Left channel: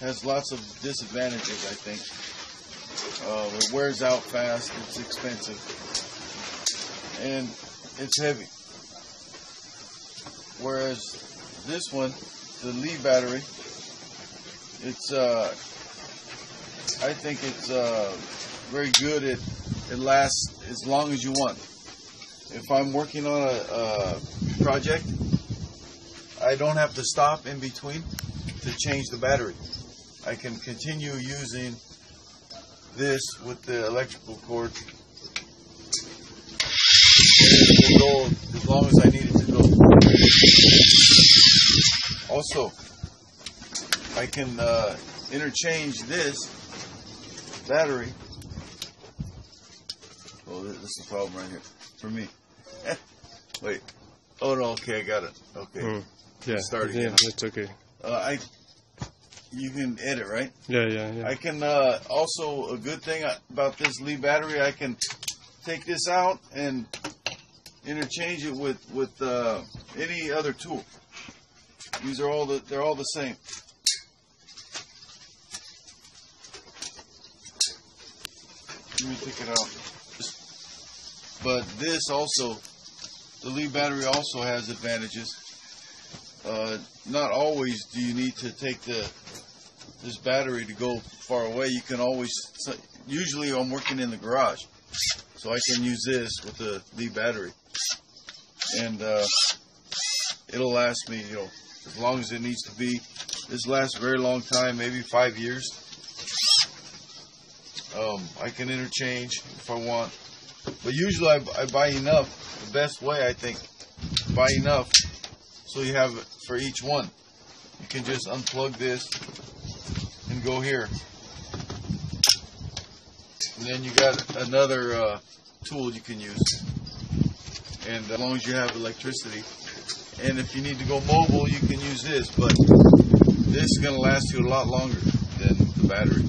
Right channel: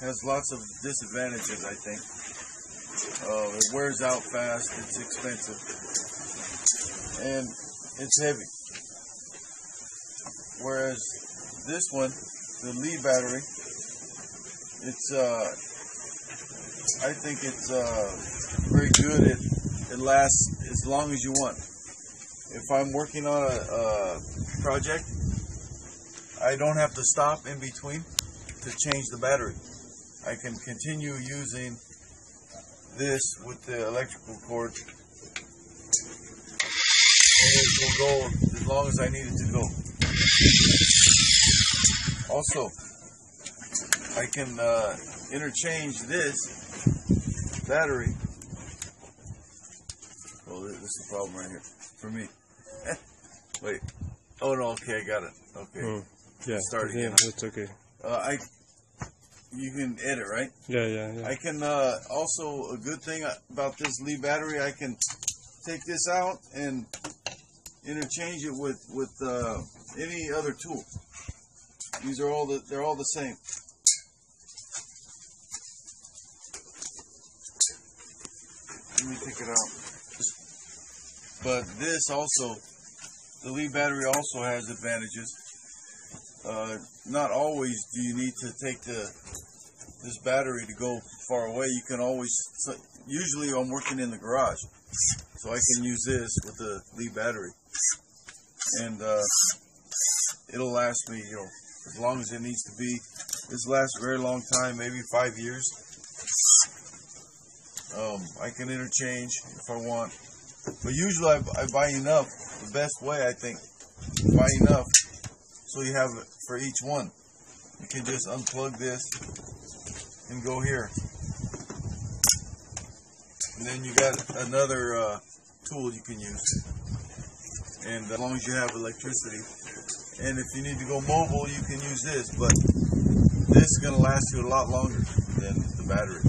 has lots of disadvantages, I think. It wears out fast, it's expensive, and it's heavy. Whereas this one, the Li battery, it's I think it's very good. It lasts as long as you want. If I'm working on a project, I don't have to stop in between to change the battery. I can continue using this with the electrical cord. It will go as long as I need it to go. Also, I can interchange this battery. Oh, this is the problem right here for me. Wait. Oh no. Okay, I got it. Okay. Yeah. Start again. That's okay. You can edit, right? Yeah. I can also, a good thing about this Li battery, I can take this out and interchange it with any other tool. These are they're all the same. Let me take it out. But this also, the Li battery also has advantages. Not always do you need to take this battery to go far away. You can always, usually I'm working in the garage, so I can use this with the Li battery, and it'll last me, as long as it needs to be. This lasts a very long time, maybe 5 years. I can interchange if I want, but usually I buy enough. The best way, I think, buy enough so you have it for each one. You can just unplug this and go here, and then you got another tool you can use. And as long as you have electricity, and if you need to go mobile, you can use this. But this is going to last you a lot longer than the battery.